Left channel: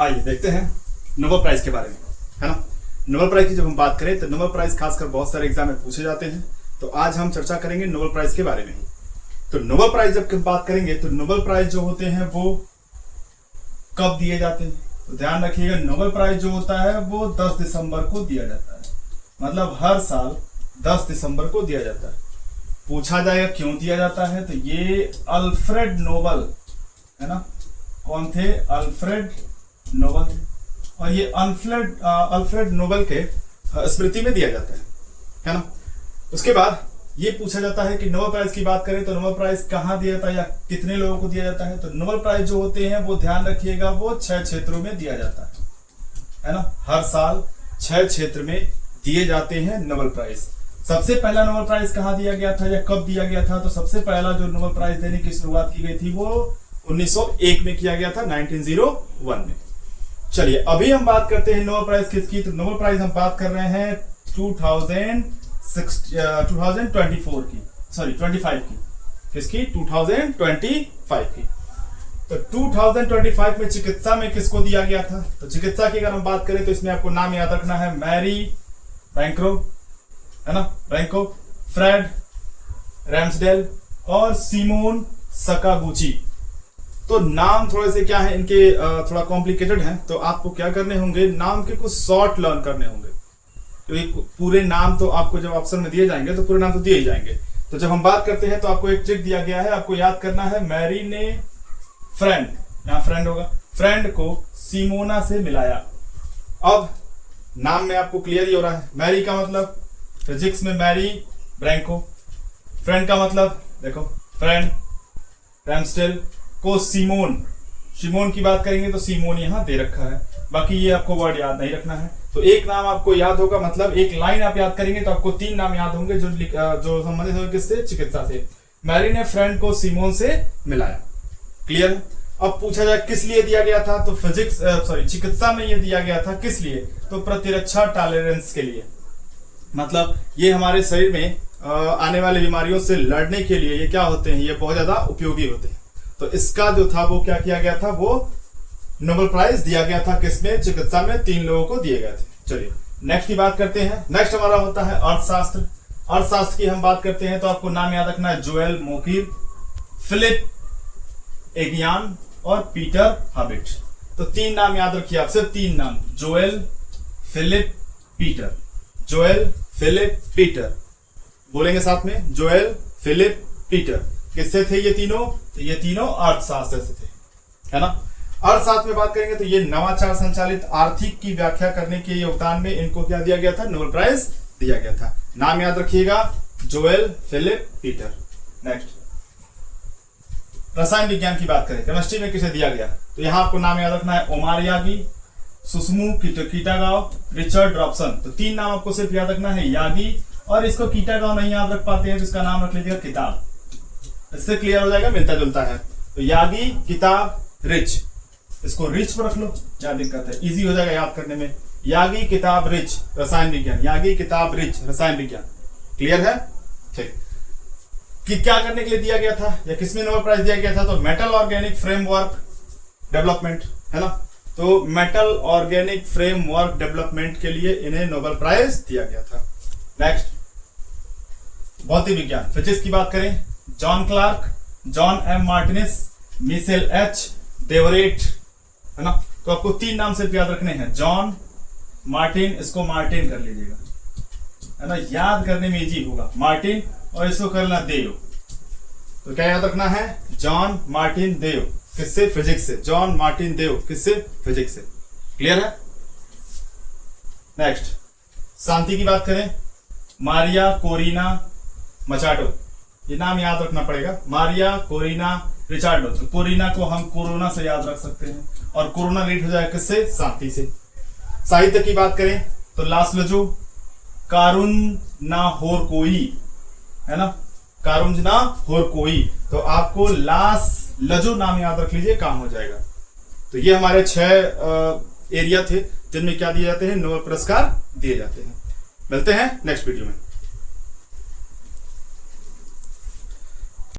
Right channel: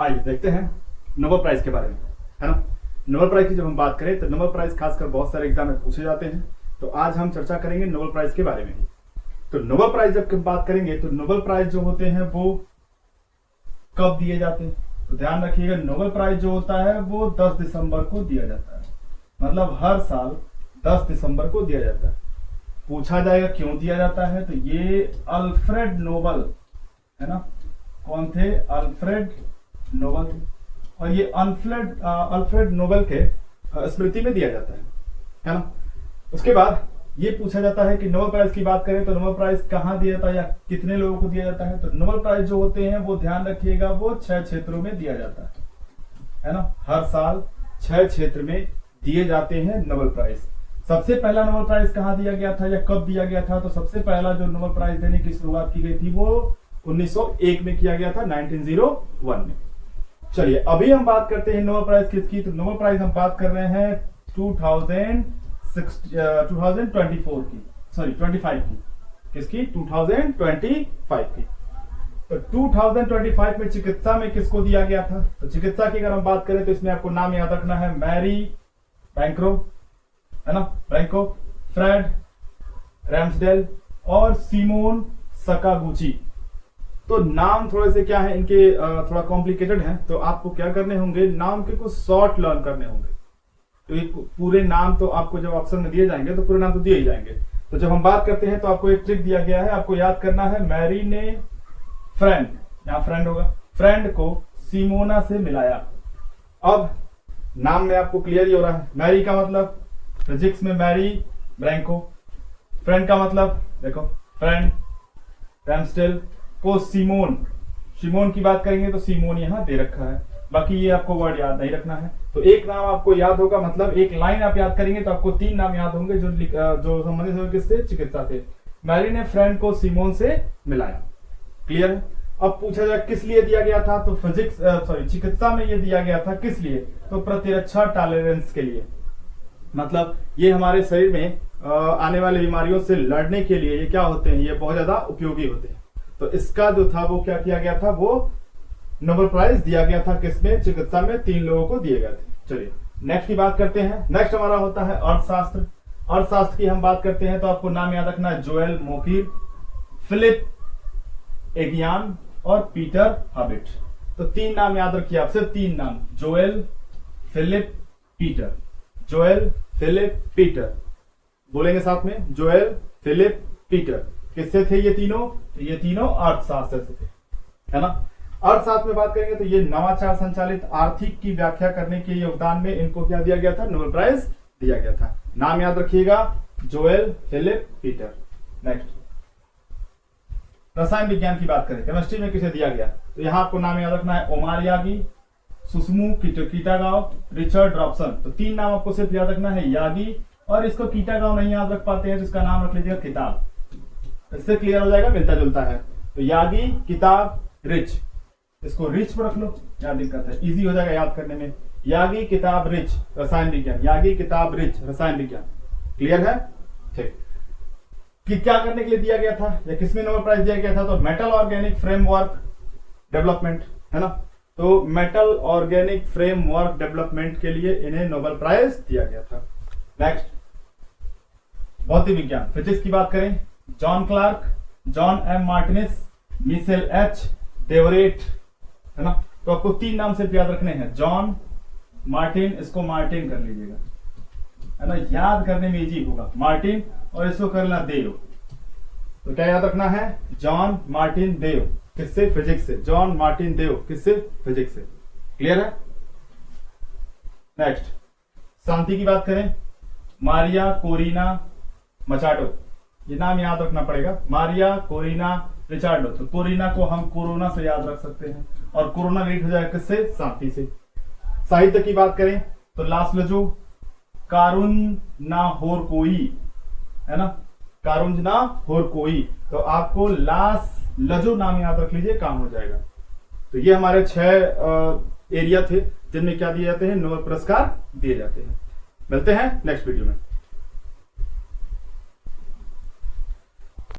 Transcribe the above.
आइए देखते हैं नोबेल प्राइज के बारे में, है ना। नोबेल प्राइज की जब हम बात करें तो नोबेल प्राइज खासकर बहुत सारे एग्जाम में पूछे जाते हैं, तो आज हम चर्चा करेंगे नोबेल प्राइज के बारे में ही। तो नोबेल प्राइज जब हम बात करेंगे तो नोबेल प्राइज जो होते हैं वो कब दिए जाते हैं, तो ध्यान रखिएगा नोबेल प्राइज जो होता है वो 10 दिसंबर को दिया जाता है। मतलब हर साल 10 दिसंबर को दिया जाता है। पूछा जाएगा क्यों दिया जाता है, तो ये अल्फ्रेड नोबेल, है ना, कौन थे, अल्फ्रेड नोबेल, और ये अल्फ्रेड नोबेल के स्मृति में दिया जाता है ना। उसके बाद ये पूछा जाता है कि नोबेल प्राइज की बात करें तो नोबेल प्राइज कहाँ दिया जाता है या कितने लोगों को दिया जाता है। तो नोबेल प्राइज जो होते हैं वो ध्यान रखिएगा वो 6 क्षेत्रों में दिया जाता है ना। हर साल 6 क्षेत्र में दिए जाते हैं नोबेल प्राइज। सबसे पहला नोबेल प्राइज कहाँ दिया गया था या कब दिया गया था, तो सबसे पहला जो नोबेल प्राइज देने की शुरुआत की गई थी वो 1901 में किया गया था, 1901 में। चलिए अभी हम बात करते हैं नोबेल प्राइज किसकी, तो नोबेल प्राइज हम बात कर रहे हैं 2024 की, सॉरी 25 की, किसकी, 2025 की। तो 2025 में चिकित्सा में किसको दिया गया था, तो चिकित्सा की अगर हम बात करें तो इसमें आपको नाम याद रखना है, मैरी बैंक्रो, है ना, बैंको, फ्रेड रैम्सडेल और सिमोन सकागुची। तो नाम थोड़े से क्या है इनके, थोड़ा कॉम्प्लिकेटेड हैं, तो आपको क्या करने होंगे, नाम के कुछ शॉर्ट लर्न करने होंगे, क्योंकि पूरे नाम तो आपको जब ऑप्शन में दिए जाएंगे तो पूरे नाम तो दिए ही जाएंगे। तो जब हम बात करते हैं तो आपको एक ट्रिक दिया गया है, आपको याद करना है, मैरी ने फ्रेंड, यहाँ फ्रेंड होगा, फ्रेंड को सिमोना से मिलाया। अब नाम में आपको क्लियर ही हो रहा है, मैरी का मतलब फिजिक्स में मैरी ब्रैंको, फ्रेंड का मतलब देखो फ्रेंड रैम्सडेल को सिमोन, सिमोन की बात करेंगे तो सिमोन यहाँ दे रखा है, बाकी ये आपको वर्ड याद नहीं रखना है। तो एक नाम आपको याद होगा, मतलब एक लाइन आप याद करेंगे तो आपको 3 नाम याद होंगे जो संबंधित होंगे किससे, चिकित्सा से। मैरी ने फ्रेंड को सिमोन से मिलाया, क्लियर है। अब पूछा जाए किस लिए दिया गया था, तो फिजिक्स चिकित्सा में ये दिया गया था किस लिए, तो प्रतिरक्षा टॉलरेंस के लिए। मतलब ये हमारे शरीर में आने वाली बीमारियों से लड़ने के लिए ये क्या होते हैं, ये बहुत ज्यादा उपयोगी होते हैं। तो इसका जो था वो क्या किया गया था, वो नोबेल प्राइज दिया गया था किसमें, चिकित्सा में 3 लोगों को दिए गए थे। चलिए नेक्स्ट की बात करते हैं। नेक्स्ट हमारा होता है अर्थशास्त्र। अर्थशास्त्र की हम बात करते हैं तो आपको नाम याद रखना है, जोएल मोकिर, फिलिप एगियान और पीटर हाबिट। तो 3 नाम याद रखिए आप, सिर्फ 3 नाम, Joel, Philip, Peter, Joel, Philip, Peter, बोलेंगे साथ में, जोएल, फिलिप, पीटर। किससे थे ये तीनों, तो ये तीनों अर्थशास्त्र से थे, है ना। अर्थशास्त्र में बात करेंगे तो ये नवाचार संचालित आर्थिक की व्याख्या करने के योगदान में इनको क्या दिया गया था, नोबेल प्राइज दिया गया था। नाम याद रखिएगा, जोएल, फिलिप, पीटर। नेक्स्ट रसायन विज्ञान की बात करें, केमिस्ट्री में किसे दिया गया, तो यहाँ आपको नाम याद रखना है, Omar Yaghi, Susumu Kitagawa, Richard Robson. तो 3 नाम आपको सिर्फ याद रखना है, यागी, और इसको कीटागाव नहीं याद रख पाते हैं तो इसका नाम रख लीजिएगा किताब, इससे क्लियर हो जाएगा, मिलता जुलता है। तो यागी, किताब, रिच, इसको रिच पर रख लो, क्या दिक्कत है, इजी हो जाएगा याद करने में। यागी, किताब, रिच, रसायन विज्ञान, यागी, किताब, रिच, रसायन विज्ञान, क्लियर है। ठीक, कि क्या करने के लिए दिया गया था या किसमें नोबेल प्राइज दिया गया था, तो मेटल ऑर्गेनिक फ्रेमवर्क डेवलपमेंट, है ना। तो मेटल ऑर्गेनिक फ्रेमवर्क डेवलपमेंट के लिए इन्हें नोबेल प्राइज दिया गया था। नेक्स्ट भौतिक विज्ञान, फिजिक्स की बात करें, John Clarke, John M Martinis, Michel H Devoret, है ना। तो आपको 3 नाम से याद रखने हैं, जॉन, मार्टिन, इसको मार्टिन कर लीजिएगा, है ना, याद करने में इजी होगा, मार्टिन, और इसको करना देव। तो क्या याद रखना है, जॉन मार्टिन देव, किससे, फिजिक्स से, जॉन मार्टिन देव, किससे, फिजिक्स से, क्लियर है। नेक्स्ट शांति की बात करें, मारिया कोरिना मचाडो, ये नाम याद रखना पड़ेगा, मारिया कोरिना रिचार्डो। तो कोरिना को हम कोरोना से याद रख सकते हैं, और कोरोना रीड हो जाएगा किससे, शांति से। साहित्य की बात करें तो लासलजो, कारुन ना होर कोई, है ना, कारुंज ना होर कोई। तो आपको लास लजो नाम याद रख लीजिए, काम हो जाएगा। तो ये हमारे 6 एरिया थे जिनमें क्या दिए जाते हैं, नोबेल पुरस्कार दिए जाते हैं। मिलते हैं नेक्स्ट वीडियो में।